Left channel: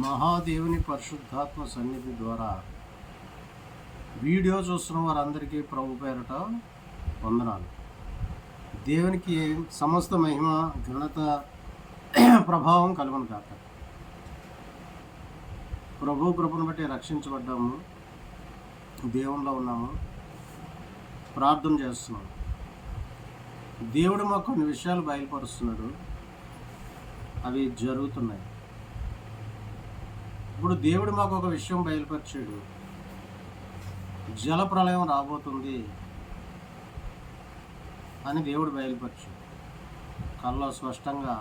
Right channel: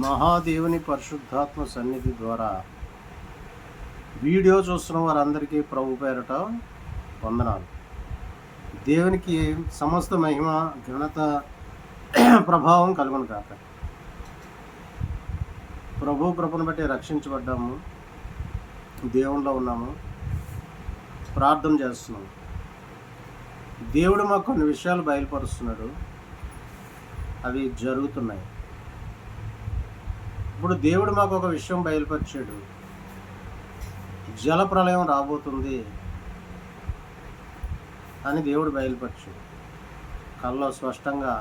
మహాదేవుని పరిశుద్ధాత్మ సన్నిధి ద్వారా వీడియో చూస్తున్న వారందరికీ ప్రభు పేరట వందనాలు. దేవునికి సమస్త మహిమ ఘనత ప్రభావం కలుగును కాక. ప్రభు కృపను బట్టి రక్షించబడ్డాము, దేవునిలో ఉన్నాము, ప్రార్థన చేస్తున్నాము. దేవుడు మాకు కొన్ని విషయాలు బయలుపరుస్తున్నాడు, అవి జరుగుతున్నాయి. ఇప్పుడు దేవుడు మాకు ఒక విషయం బయలుపరిచాడు, జలప్రలయం రాబోతుంది అని దేవుడు బయలుపరిచాడు. కళ్ళలో స్పష్టంగా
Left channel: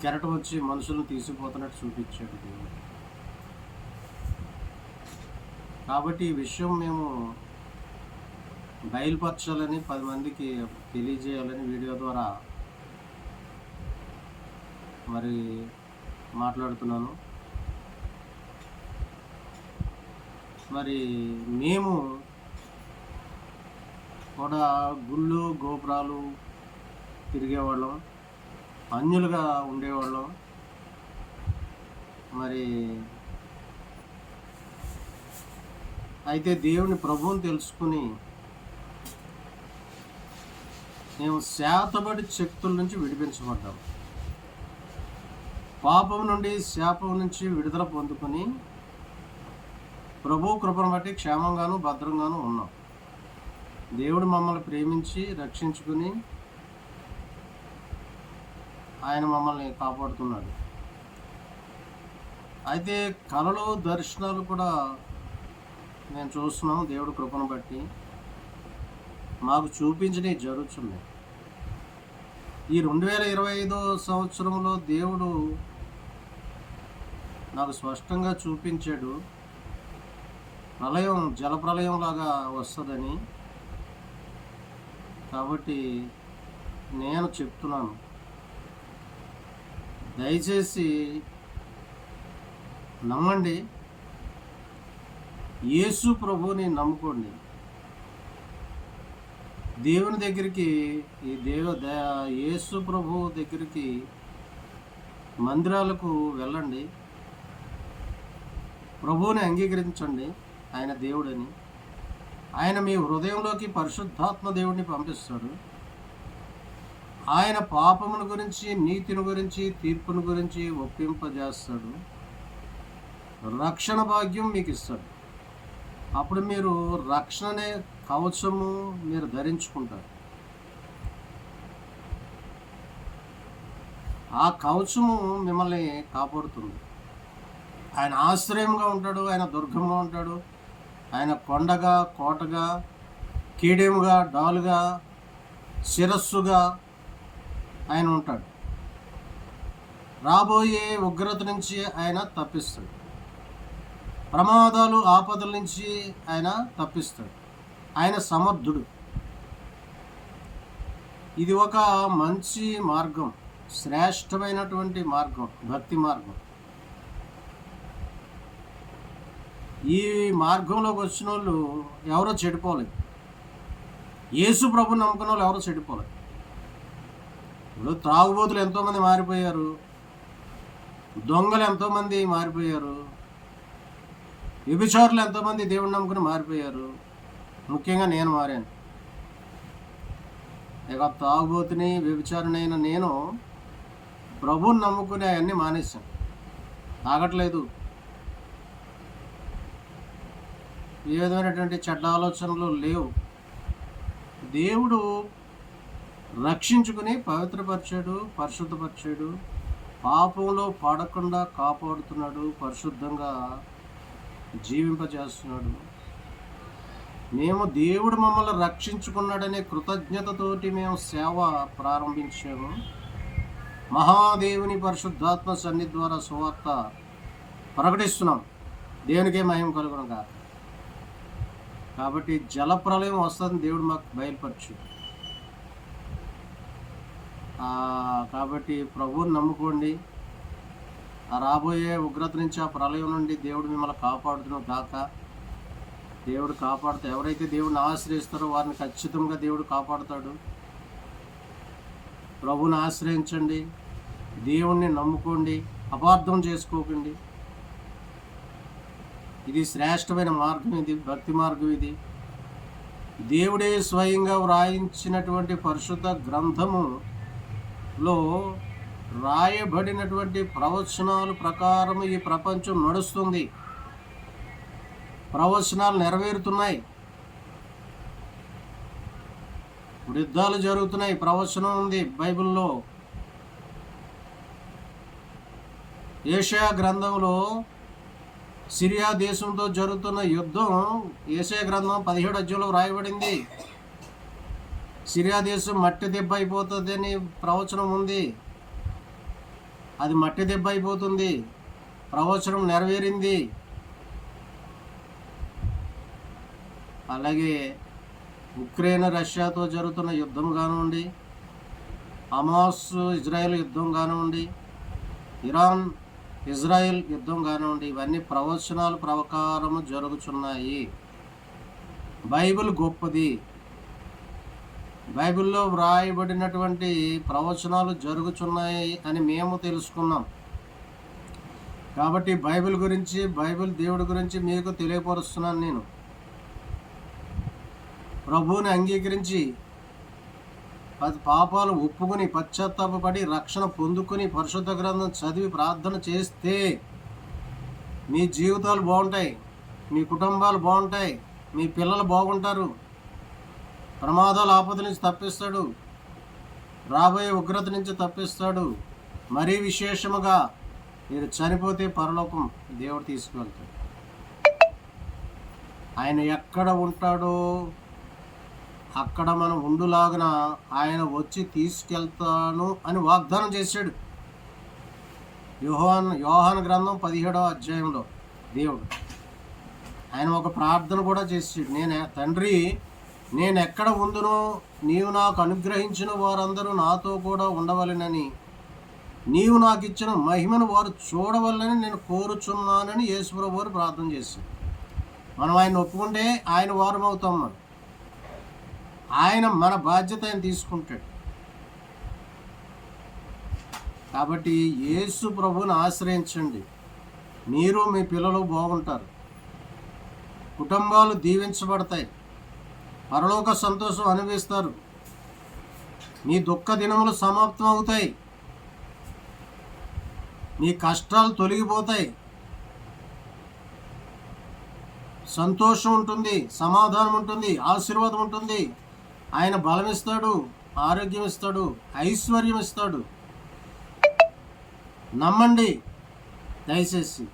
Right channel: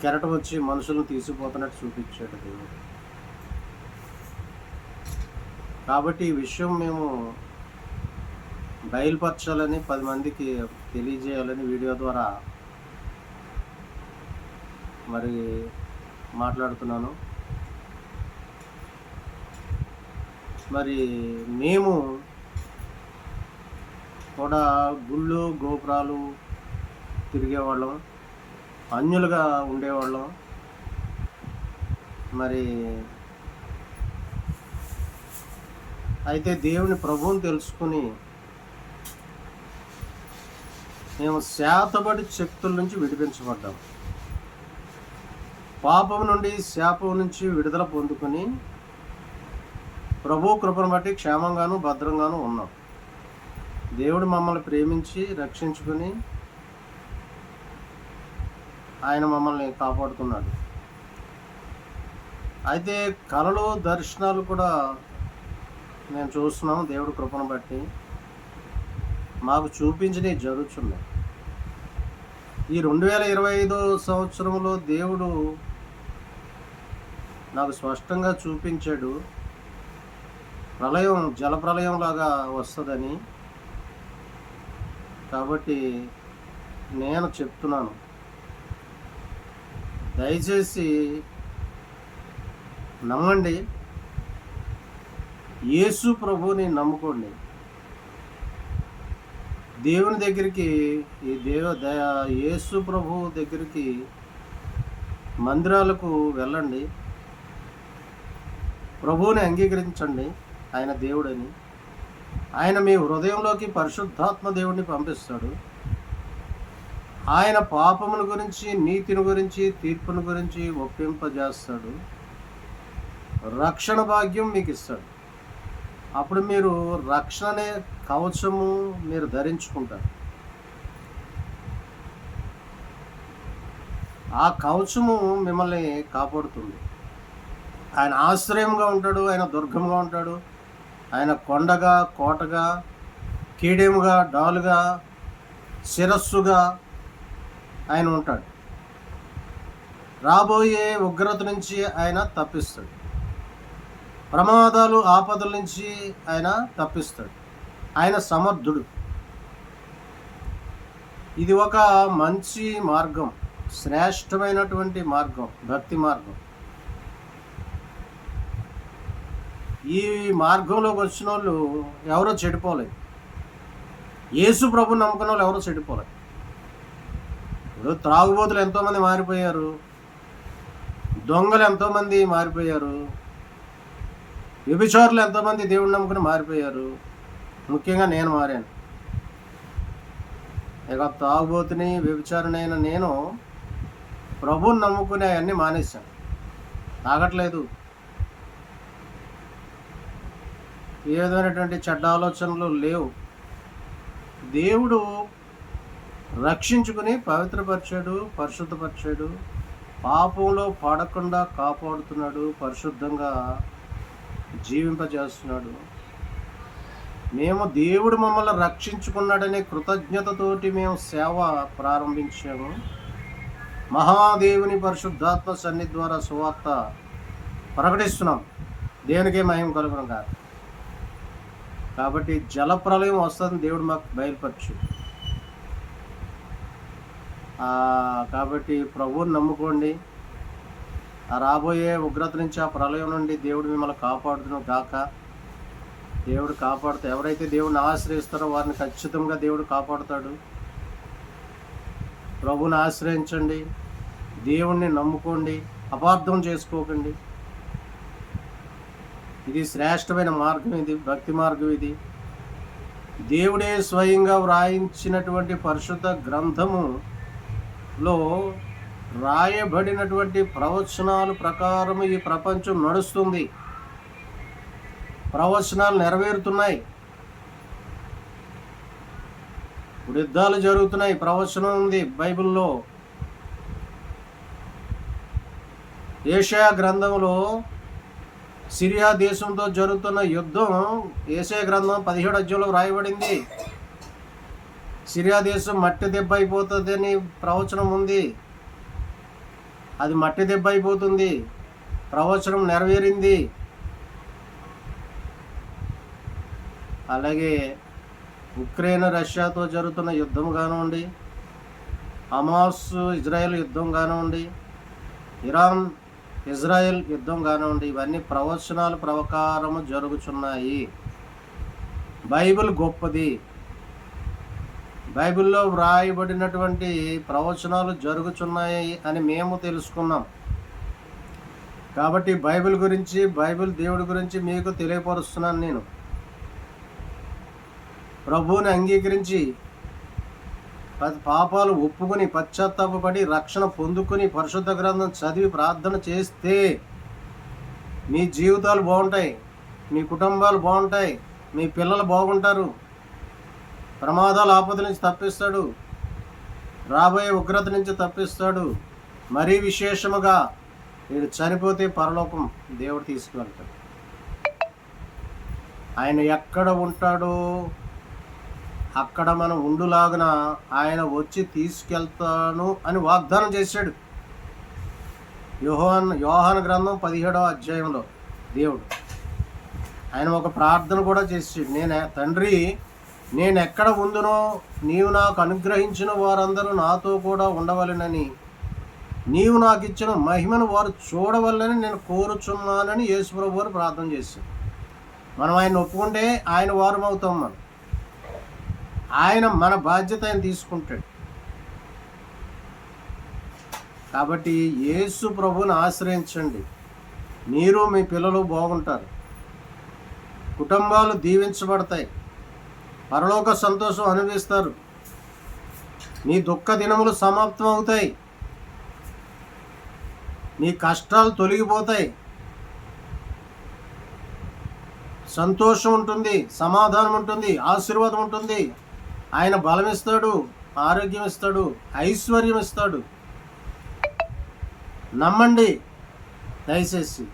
కెరటం వచ్చి మనుషులను తీసుకుపోతున్నట్టు చూపించాడు దేవుడు. కాబట్టి ఈ విషయం మేము బయలుపరచాలని, 10 మందికి తెలియజేయాలని వీడియో ద్వారా మరి మాట్లాడుతున్నాను. మరి మేము కూడా గుళ్ళు గోపురాలు తిరిగేవాళ్ళం, అన్యులుగా ఉండేవాళ్ళం. మరి అయితే దేవుని ప్రభువుని తెలుసుకుని మేము శాతబడి శక్తుల నుంచి విడిపించబడ్డాం. పాపం నుండి, శాపం నుంచి విడుదల పొందుకొని ప్రభు కృపను బట్టి క్షేమంగాను భద్రంగాను ఉన్నాం. దేవుడు మమ్మల్ని ప్రేమించి రక్షించుకుని ఆయన మమ్మల్ని కాపాడుతున్నాడు. అయితే కళలు, దర్శనాలు కూడా మేము చూస్తున్నాం. దేవుడు కృపను బట్టి మాకు చూపించినవి జరుగుతున్నాయి. ఈ 2025 సంవత్సరంలో దేవుడు నాకు స్పష్టంగా చూపించాడు, ప్రళయం జలప్రలయం లాగా వస్తుందని. కాబట్టి నేను చెప్తున్నాను, దయచేసి నమ్మండి, యేసు ప్రభువుని నమ్ముకోండి. దేవుని దగ్గరికి, ఈ యేసు ప్రభు దగ్గరికి మందిరాలకు వెళ్ళండి, ప్రభువుని అంగీకరించండి, ఆయన దేవుడని. ఆయన మీ హృదయంలోకి పరిశుద్ధాత్మ దేవుడిని పంపిస్తాడు. ఆయన పాపముల గురించి, నీతిని గురించి, తీర్పును గురించి ఒప్పింపజేస్తాడు. రక్షణ భాగ్యం మీకు ఇస్తాడు. అప్పుడు మీరు రక్షణ అనే కవచము మీరు ధరించుకుంటారు. ఆ కవచము మిమ్మల్ని కాపాడుతుంది. ఆయన ఆశ్రయంగా ఉంటాడు, ఆయన దుర్గంగా ఉంటాడు, ఆయన కొండగా, కోటగా, కీడెముగా, డాలుగా, శిరస్సుగా ఆయన ఉంటాడు. రాబోయే ఉగ్రత నుంచి ఆయన తప్పిస్తాడు. ప్రమాదాలు, ఆపదల నుంచి ఆయన తప్పిస్తాడు. ఆయన సమర్థుడు. ఇది ఒక మంచి మార్గం, శ్రేష్టమైనటువంటి మార్గం, భక్తి మార్గం. ఈ మార్గంలోకి వచ్చిన వాళ్ళు ఎవరో చెడిపోలేదు. యేసు ప్రభుని నమ్ముకున్న వాళ్ళు ఎవరో చెడిపోలేదు. ఇప్పుడు త్రాగుబోతులు ఎంతోమంది మారిపోయారు, దొంగలు ఎంతోమంది మారిపోయారు, వ్యభిచారులు ఎంతోమంది దేవుడిని నమ్ముకుని మారిపోయారు. ముఖ్యంగా నేను మారాను. ఇక తాగుబోతుని, వ్యభిచారినైనా నేను ప్రభువుని నమ్ముకుని అవన్నీ మానేశాను. తాగట్లేదు, ఏ విధమైనటువంటి చెడ్డ ఆలోచనలు లేవు. దేవుడు రక్షించుకుని పవిత్రపరిచాడు, పరిశుద్ధపరిచాడు, పాపంలో పడకుండా కాపాడుతున్నాడు, పరిశుద్ధంగా జీవింపజేస్తున్నాడు. మేము దేవుడు మమ్మల్ని రక్షించుకున్నాడనే కృతజ్ఞతతోటి మేము సేవ ప్రారంభించాము. మహాదేవుని పరిశుద్ధాత్మ సన్నిధి ద్వారా సువార్త ప్రకటిస్తున్నాం. దేవునికే మహిమ కలుగును కాదు. కాబట్టి జలప్రలయం వస్తుందని దేవుడు మాకు బయలుపరిచాడు. కాబట్టి ప్రభువుని నమ్ముకోండి. ఆ రాబోయే ఉగ్రత నుంచి, ఆ ప్రళయం నుండి దేవుడు మిమ్మల్ని కాపాడుతున్న గాక. దేవుడు కాపాడుతూ, ఎవరైతే దేవుడిని ఆశ్రయిస్తారో వారిని ఖచ్చితంగా దేవుడు కాపాడుతాడు. ప్రభువుని ఆశ్రయించండి, దేవుణ్ణి నమ్ముకోండి, అపార్థం చేసుకోకండి. ఇది శ్రేష్టమైన మార్గం, ఇది భక్తి మార్గం. ఇది దేవుడే స్వయంగా వ్రాయించినటువంటి పరిశుద్ధ గ్రంథములో రాయబడినటువంటి ప్రవచనాల ప్రకారం ఈ ప్రపంచం నడుస్తుంది. ప్రవచనాలు నెరవేరుతున్నాయి. ఇప్పుడు యుద్ధాలు జరుగుతున్నాయి, ప్రవచనం ఉంది బైబిల్లో. యెషయా గ్రంథంలో సిరియా దేశంతో జరుగుతున్న యుద్ధం యెషయా గ్రంథం 17వ అధ్యాయంలో రాయబడింది. సిరియా దేశం మట్టి దెబ్బ అయిపోతుందని ప్రవచనం ఉంది. అది మట్టి దెబ్బ అయిపోతుంది. ప్రవచనం నెరవేరింది. అలాగే ఉక్రెయిన్ రష్యాతో జరుగుతున్న యుద్ధం కానివ్వండి, హమాస్ ఇజ్రాయెల్ యుద్ధం కానివ్వండి, ఇరాన్ ఇజ్రాయెల్ యుద్ధం కానివ్వండి, ఇవన్నీ ప్రవచనాల ప్రకారము జరుగుతున్నాయి. బైబిల్ గొప్పది. బైబిల్లో వ్రాయబడినటువంటి ప్రవచనాలు జరుగుతున్నాయి అని మేము తెలుసుకున్నాం. కాబట్టి బైబిల్ గురించి, బైబిల్ దేవుడి గురించి మీకు తెలియపరుస్తున్నాను. నేను ప్రభువుని అంగీకరించి పాపాలు ఒప్పుకొని పశ్చాత్తాపడి రక్షణ పొందుకొని పరిశుద్ధ గ్రంథం చదివి ప్రార్థన చేస్తే మీ జీవితాలు బాగుంటాయి, మీ కుటుంబాలు బాగుంటాయి, మీ పిల్లలు బాగుంటారు. ప్రమాదాల ఆపద నుంచి తప్పిస్తాడు, రాబోయే ఉగ్రత నుంచి తప్పిస్తాడు. మరీ విశేషముగా మీరు చనిపోతే పరలోకం దేవుడు తీసుకువెళ్తాడు. ఆయన ఎక్కడ ఉంటాడో అక్కడ మనం ఉండులాగున ఆయన వచ్చి తీసుకెళ్తాను అని వాగ్దానం చేశాడు. యోహాను గ్రంథం 17వ అధ్యాయంలో దేవుడు ఆయన ఒక ప్రార్థన కూడా చేసాడు. తండ్రి, నేను ఎక్కడ ఉందునో నీవు నాకు అనుగ్రహించిన వారందరూ నాతో కూడా ఉండవలెనని, నీవు నాకు ఇచ్చిన మహిమను వారు చూడవలెనని నేను కోరుచున్నానని యేసుప్రభువు వారు ప్రార్థన చేశాడు. మనం ఆయన ఒప్పుకుంటే ఆయన వారం అవుతాం. ఆయన మన బాధ్యత ఆయన తీసుకుంటాడు. కాబట్టి యేసు ప్రభువుని ఆశ్రయించండి. మీరు మీ పిల్లలు బాగుంటారు, కుటుంబాలు దీవించబడతాయి, పరలోక సంతోషం అనుభవిస్తారు, మీ దుఃఖ దినములు సమాప్తం అవుతాయి, మీ కష్టాలు తొలగిపోతాయి, సంతోషం ఉంటుంది, సమాధానం ఉంటుంది, ఆశీర్వాదం ఉంటుంది. ఆయన బలం ఇస్తాడు, ఆరోగ్యం ఇస్తాడు, ఐశ్వర్యం ఇస్తాడు. నమ్మండి దయచేసి.